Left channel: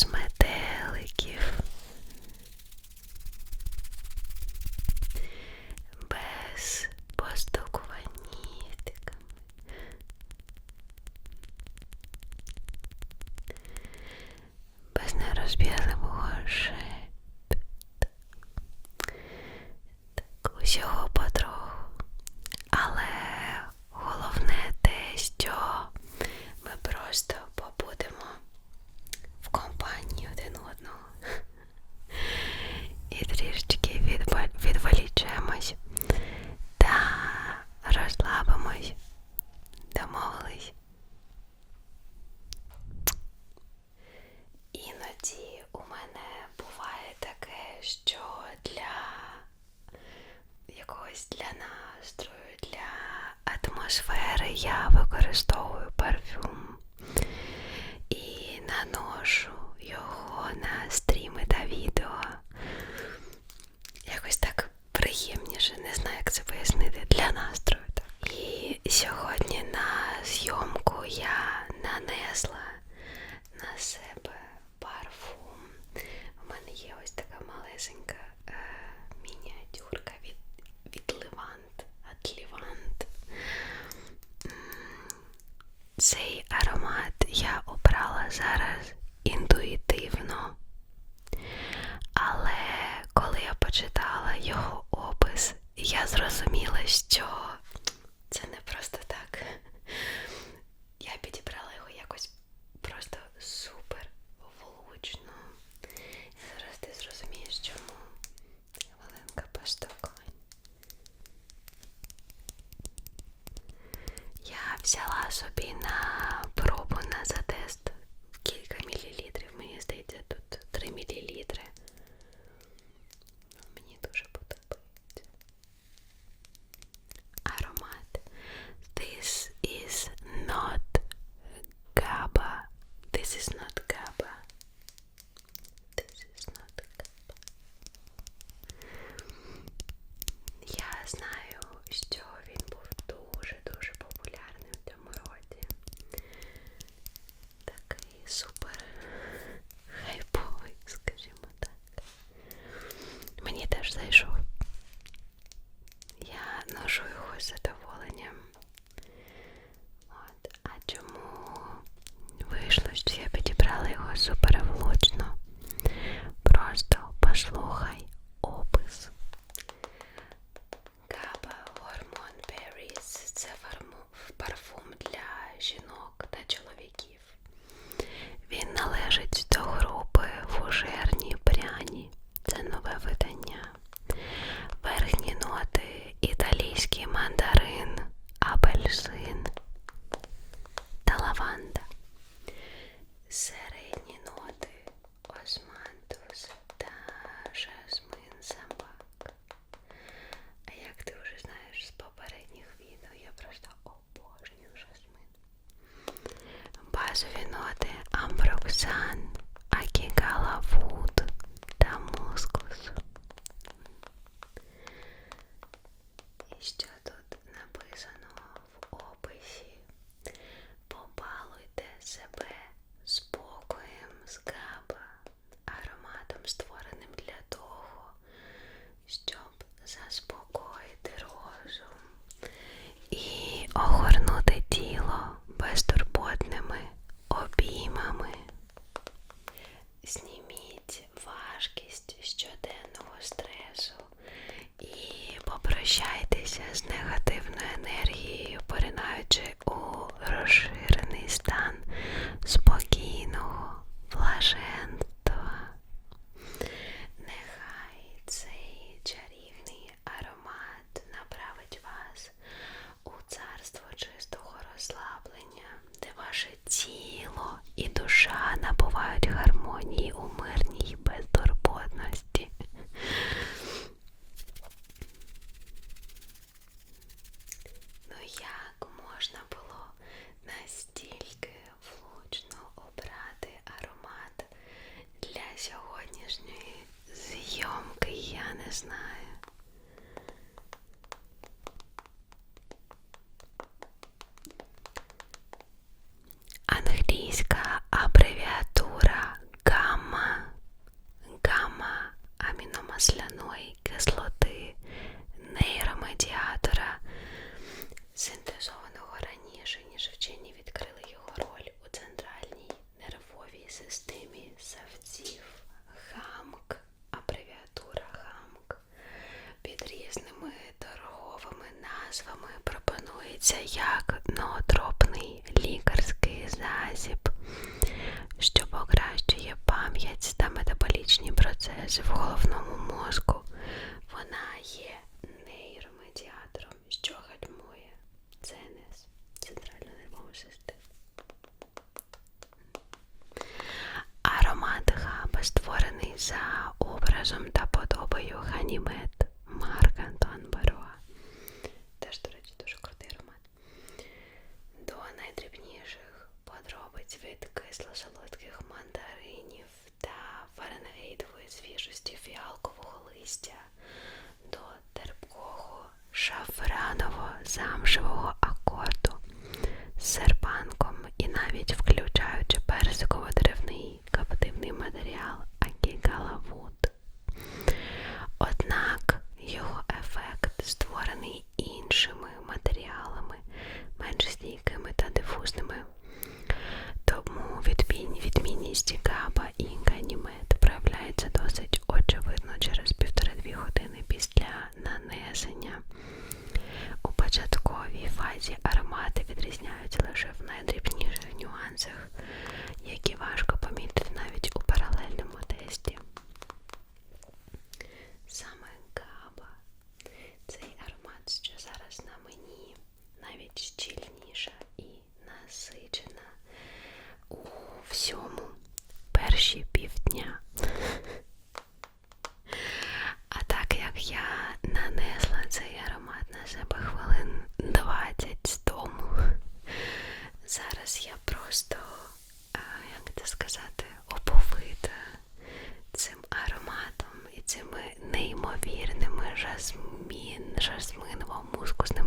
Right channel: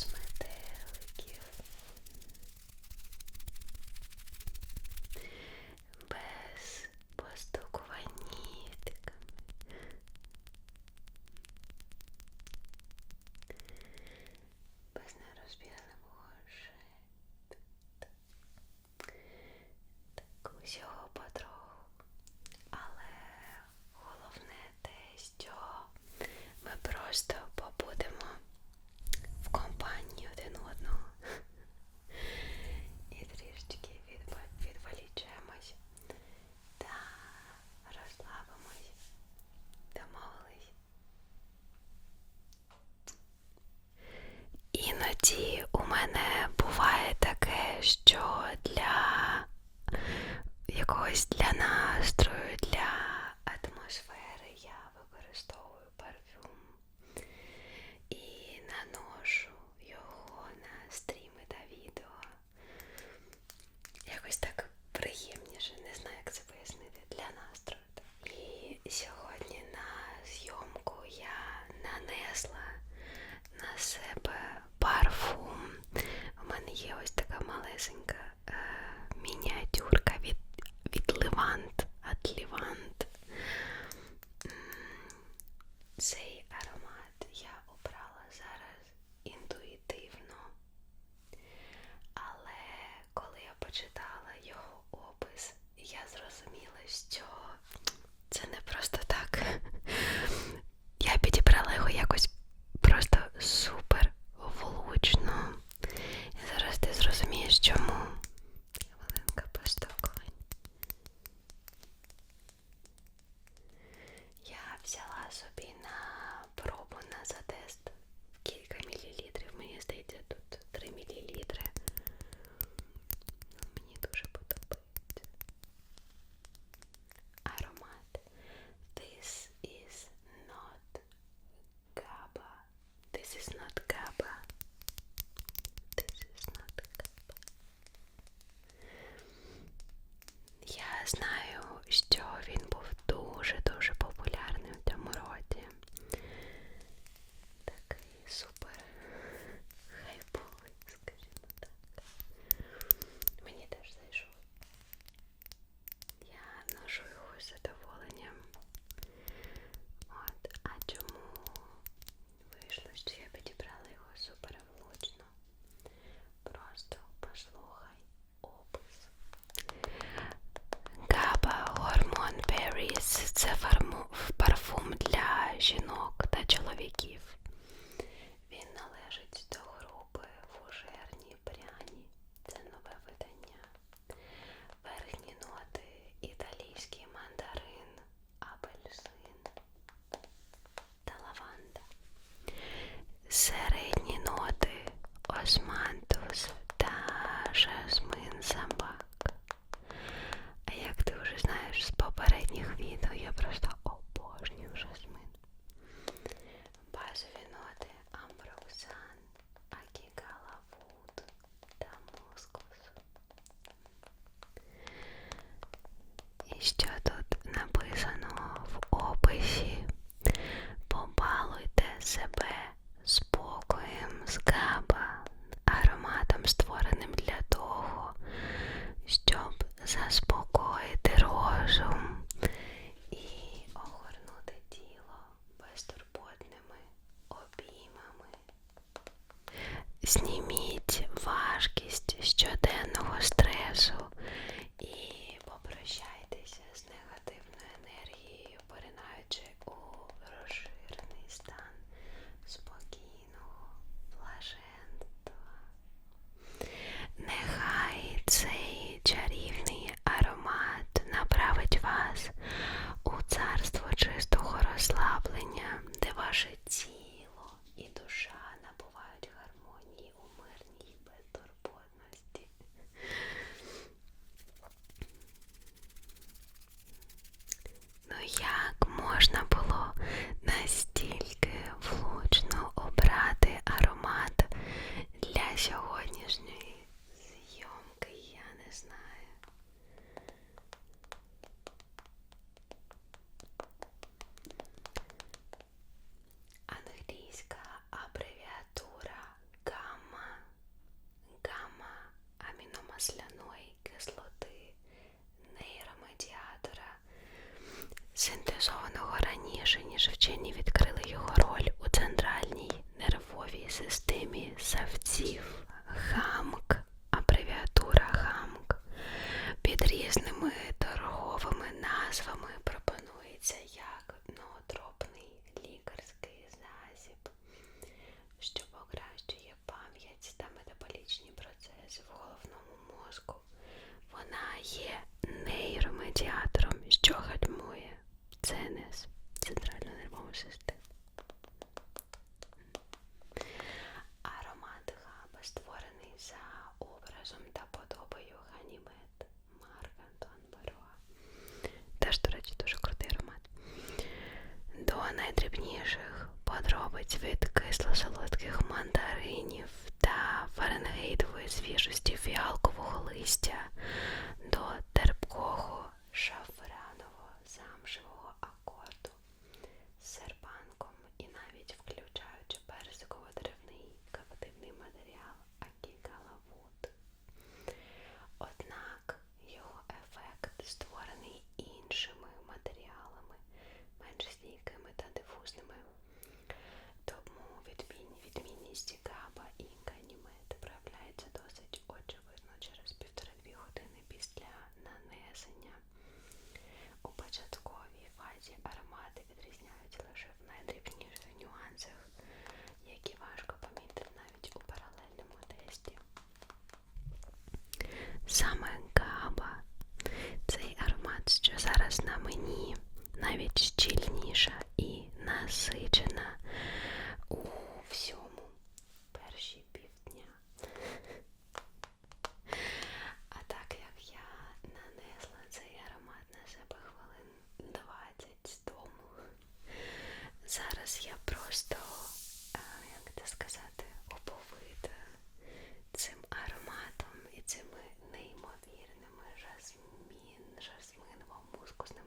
misma Цей аромат я обрала зараз Базові ноти амброксан, акігала в головному. зараз на мені навіть щільніша і насичена у всьому перші півдня. А так як я нанесла цей аромат на себе хвилин 20 тому, зараз я просто, е, як це сказати, оповита цим ароматом і цими жасмін, жасминово мускусне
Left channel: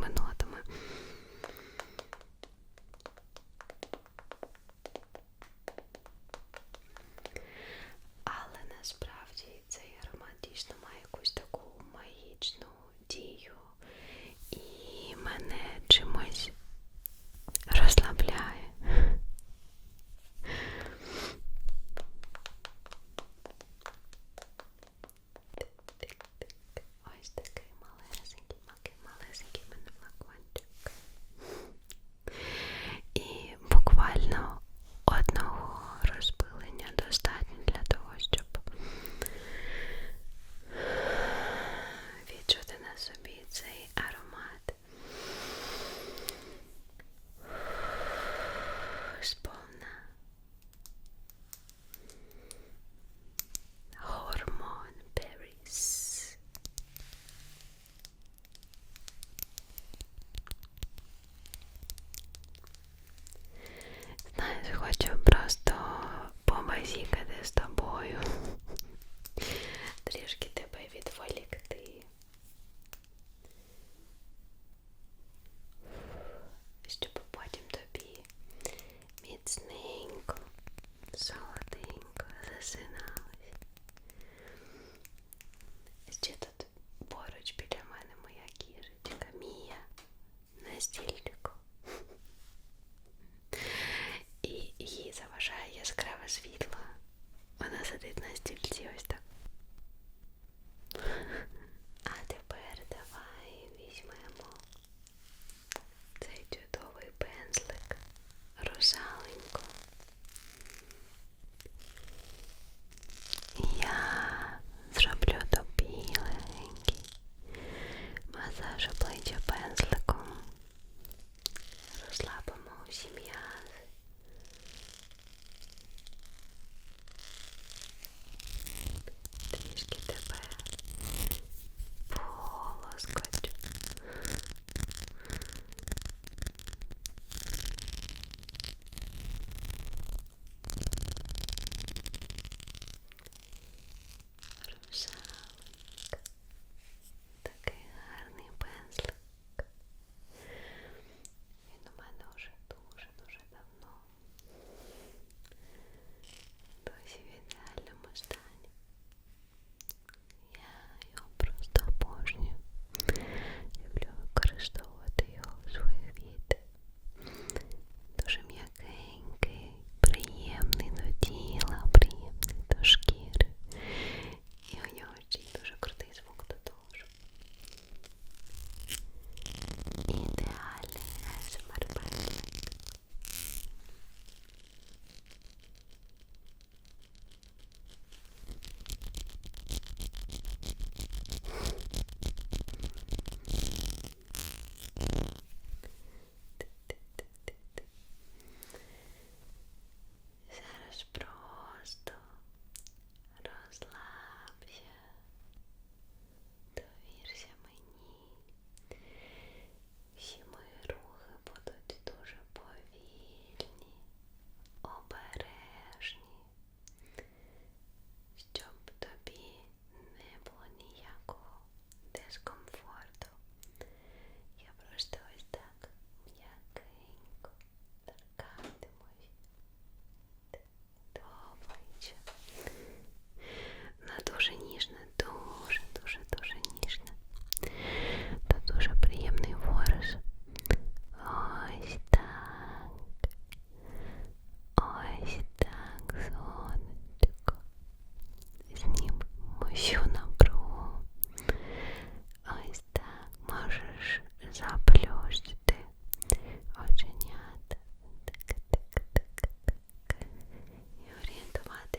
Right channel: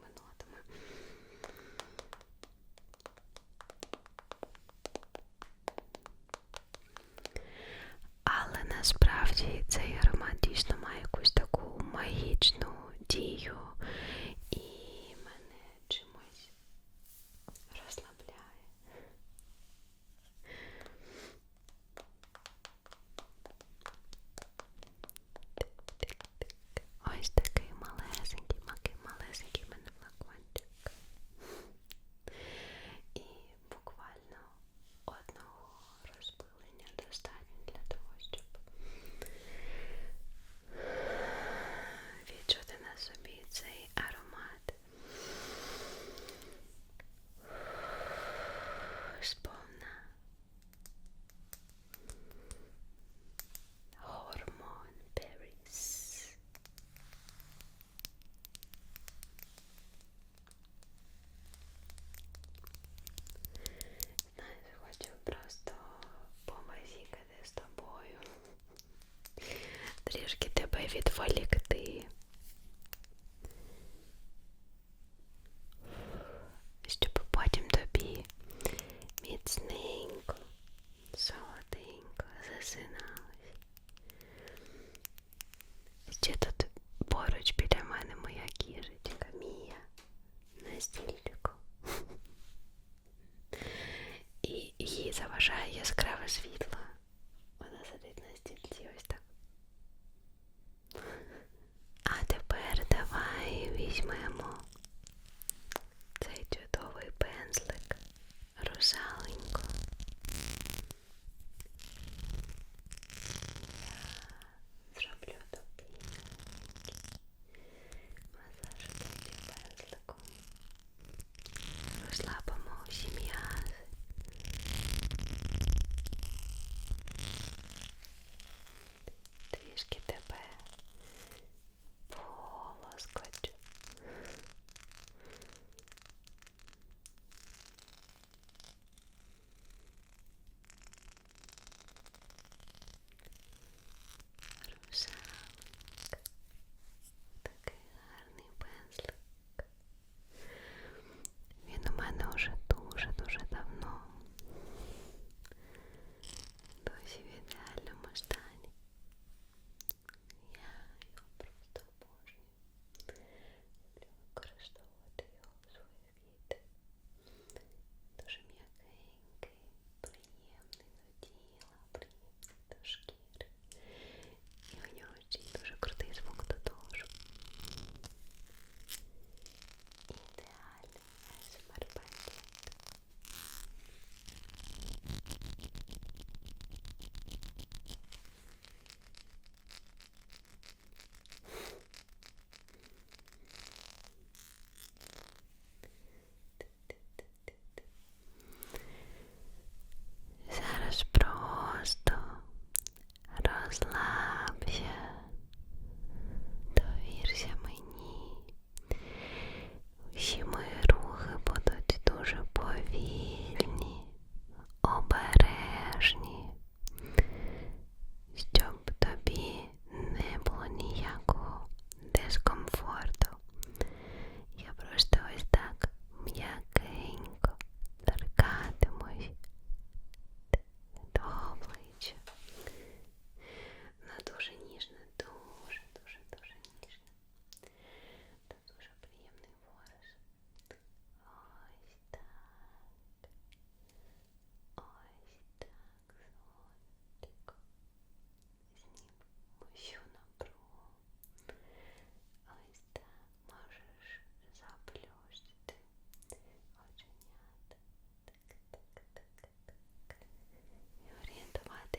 заважає яскраве світло. Вона сидить на стільці ось так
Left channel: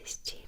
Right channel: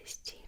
радості.